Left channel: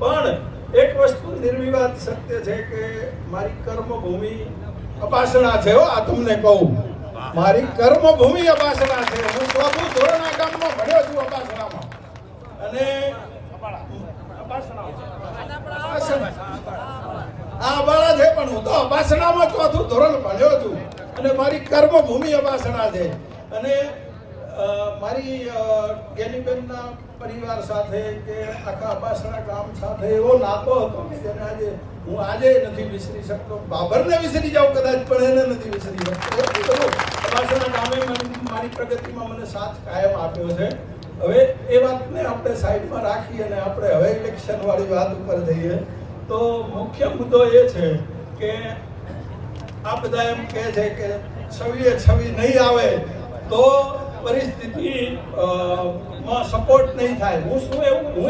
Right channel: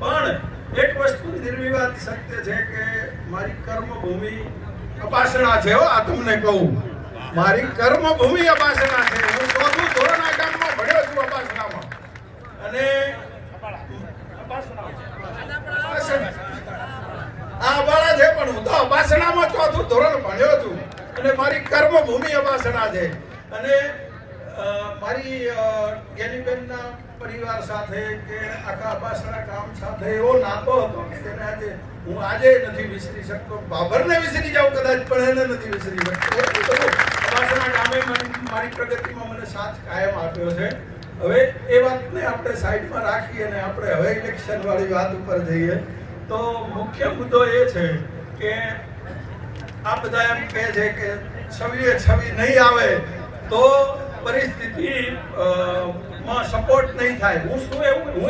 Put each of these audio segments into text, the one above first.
પણ એક વસ્તુ નિર્વિવાદ સત્ય છે કે મારી કર્મભૂમિ અપાસણા છે. આ તમને કહું, મારી કર્મભૂમિ અપાસણા છે. હું 4થું ધોરણ આ ગામમાં ભણ્યો છું અપાસણામાં. અને અબાળા છે પણ હું તો અપાસણામાં 4થું ધોરણ ભણ્યો છું. અને મારી કર્મભૂમિ અપાસણા છે. અને મારી જ્ઞાનીબેનના પરિવાર સાથે કે આખા અપાસણા ગામ સાથે એવો નાતો હતો કે તેને હું આજે નથી વિસરી શકતો. બાબરને વિસરી જાઉં કદાચ, પણ એને નથી વિસરી શકતો. અપાસણા ગામે મારી પ્રગતિમાં મને સાથ કાયમ આપ્યો છે. હવે એ વાતને આપણે સાઈડમાં રાખી અને આપણે હવે ઇલેક્શન વાળી વાત ઉપર જઈએ તો મુખ્ય મુદ્દો એ છે કે આ બધા એમ કહે છે કે છવી નહીં આવે તો પરિસ્થિતિ માં સપોર્ટ નહીં થાય. હું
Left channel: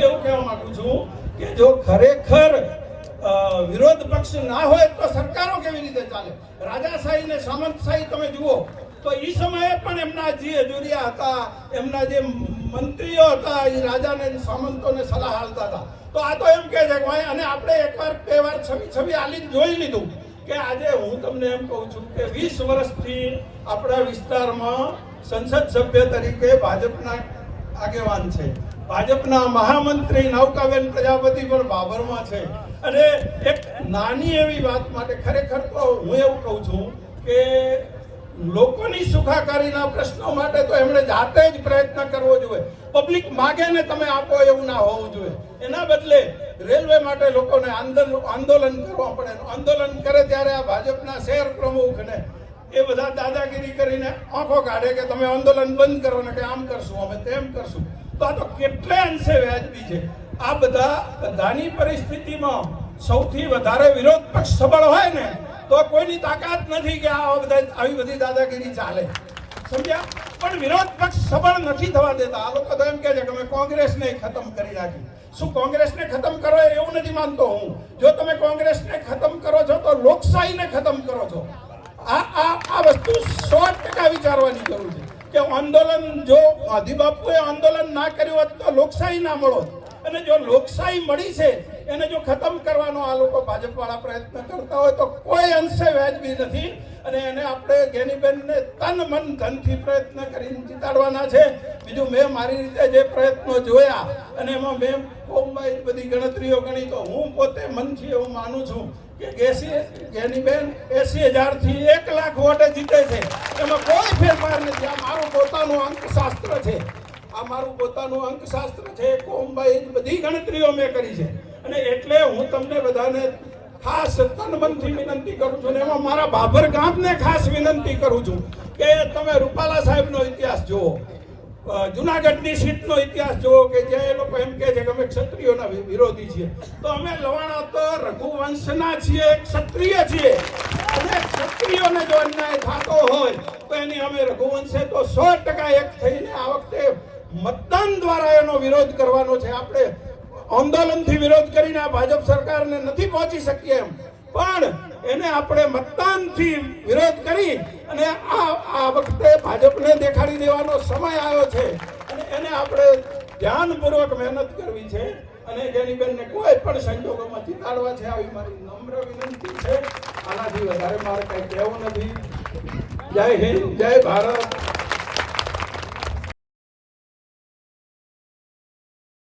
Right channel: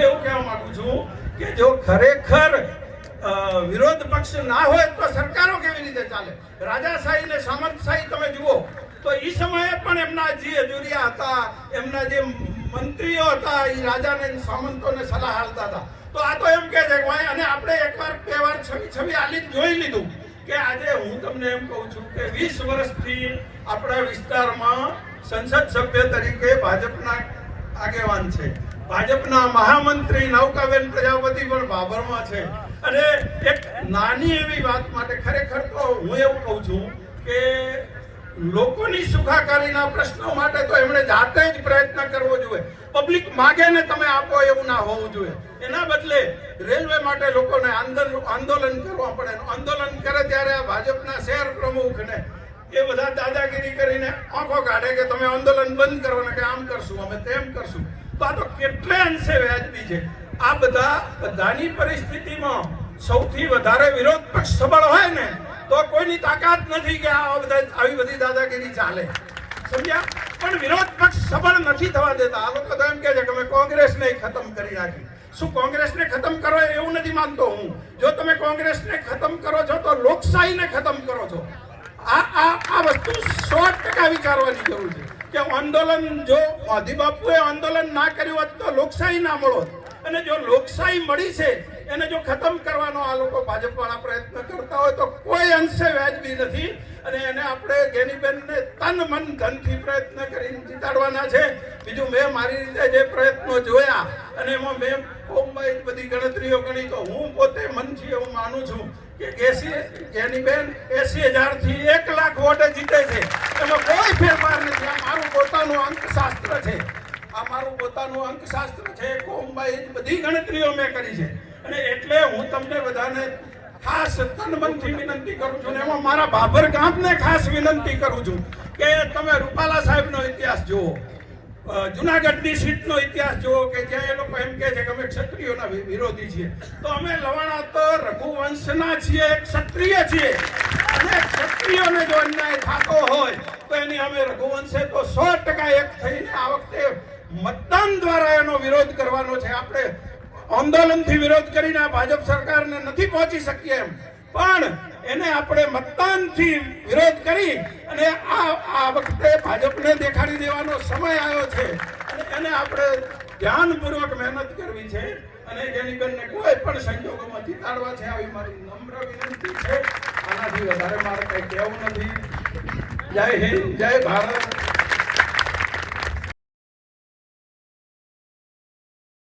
એવું કહેવા માંગુ છું કે જો ખરેખર વિરોધ પક્ષ ના હોય તો સરકારો કેવી રીતે ચાલે? રાજાશાહી ને સામંતશાહી તમે જુઓ તો એ સમયે પણ એમના જે હજુરિયા હતા, એમના જે મંત્રીઓ હતા, એ રાજાને સામંતોને સલાહ આપતા હતા. તો આ તો એમ કહે છે કે ભાઈ, અને આપણે એકવાર બે વાર છવી આલીને જોઈ લીધું કે આજે હું તમને એમ કહું છું કે 20 વર્ષથી આપણા વિસ્તારમાં સંસદ સભ્ય તરીકે ભાજપના આગેવાન છે. ભાજપના મહામંત્રી નૌકાબેન પ્રજાપતિ પણ બાબરમાં છે. અને એક નાની એવી વાત માટે ખરેખર તો હું એવું કહું છું કે લોકોની સુખાકારીના પ્રશ્નો માટે તો એમણે જાતે જ પ્રયત્ન કરવો જોઈએ. પબ્લિક માગે ને તમે આપો એવું ના હોવું જોઈએ. એના બદલે રેલવે માટે લોકોને આંદોલન કરવા પડે. આંદોલન કરે ત્યારે આ ભાજપના શહેર પ્રમુખને એ બધા દાદાગીરી કરીને આંખો કાઢે કે તમે આંદોલન બંધ કરો ને કે આમ કરશું, અમે તેમ કરશું. તો આ તો કેટલે અંશે વ્યાજબી છે. આ બધાની પરિસ્થિતિમાં સૌથી વધારે વિરોધ પક્ષ સબળ હોય ને તો કોઈની તાકાત નથી કે આવી બધી દાદાગીરી ચાલે. સમજ્યા? પણ વિરોધ પક્ષ સબળ નથી થવા દેતા. આ લોકો તો એમ કહે છે કે અમે કોંગ્રેસને ખતમ કરી નાખી. શું કોંગ્રેસને ખતમ કરો એવું નથી માનતો હું. જો તમે કોંગ્રેસને ખતમ કરો છો તો લોકશાહીને ખતમ કરો છો. આ વસ્તુ 100% વિચારવાની જરૂર છે કે આંદોલન, જો ગાંધી બાપુએ આંદોલન ના કર્યું હોત તો લોકશાહી ના મળોત. અને જો લોકશાહી મળી છે એને જો ખતમ કરવાનો આ લોકો ભાજપ વાળા પ્રયત્ન કરતા હોય તો કોઈ અંશે વ્યાજબી નથી. અને એને આપણે જ્ઞાનીબેનને તન મન ધનથી પ્રયત્ન કરીને જીતાડવાના છે. બીજું મેં મારી રીતે જે પ્રયત્નો જોયા અને એમાં મેં કોમવાઈ બધી ગણતરીઓ ગણી તો હું પોતે મનથી એવું માનું છું કે જ્ઞાનીબેન 80,000 થી 1 લાખ વોટે જીતે છે. એમાં કોઈ ફેરફાર નથી. આ મારું પોતાનું અંકશાસ્ત્ર છે. આ મારું પોતાનું અંકશાસ્ત્ર છે. કોમવાઈ બધી ગણતરીઓ મેં કરી છે. અને એટલે હું તમને બધાને ખાસ તનમનથી વિનંતી કરું છું. એમાં મારા બાબર ગામને ખાસ વિનંતી કરું છું કે તમે રૂપાલા સાહેબનો ઇતિહાસ જુઓ, જુનાગઢની સીટનો ઇતિહાસ જુઓ કે જે એ લોકો એમ કહે છે કે અમે ક્ષત્રિયોના વિરોધી છીએ. તો અમે લવાણા તો રઘુવંશના છીએ, ક્ષત્રિય છીએ. અને ક્ષત્રિયોને જો અન્યાય થતો હોય તો એની અમે રઘુવંશે તો 100% એક થઈને આ વખતે મતદાન દ્વારા એનો વિરોધ કરવાનો છે. આપણે આંદોલનથી વિરોધ કરીને આ ભાજપ સરકારને નથી પહોંચી શકીએ એમ, પણ એને આપણે મતદાનથી વિરોધ કરી અને આ વખતે ભાજપને દેખાડી દેવાનો સમય આવ્યો છે. અને એને આપણે ધ્યાનપૂર્વક મહેનત કરવી છે અને જ્ઞાનીબેનને કોઈ પણ સંજોગોમાં જીતાડવા છે. આવી મારી નમ્ર વિનંતી છે. આનાથી વધારે મારે કંઈ કહેવું નથી. જય હિન્દ, જય ભારત.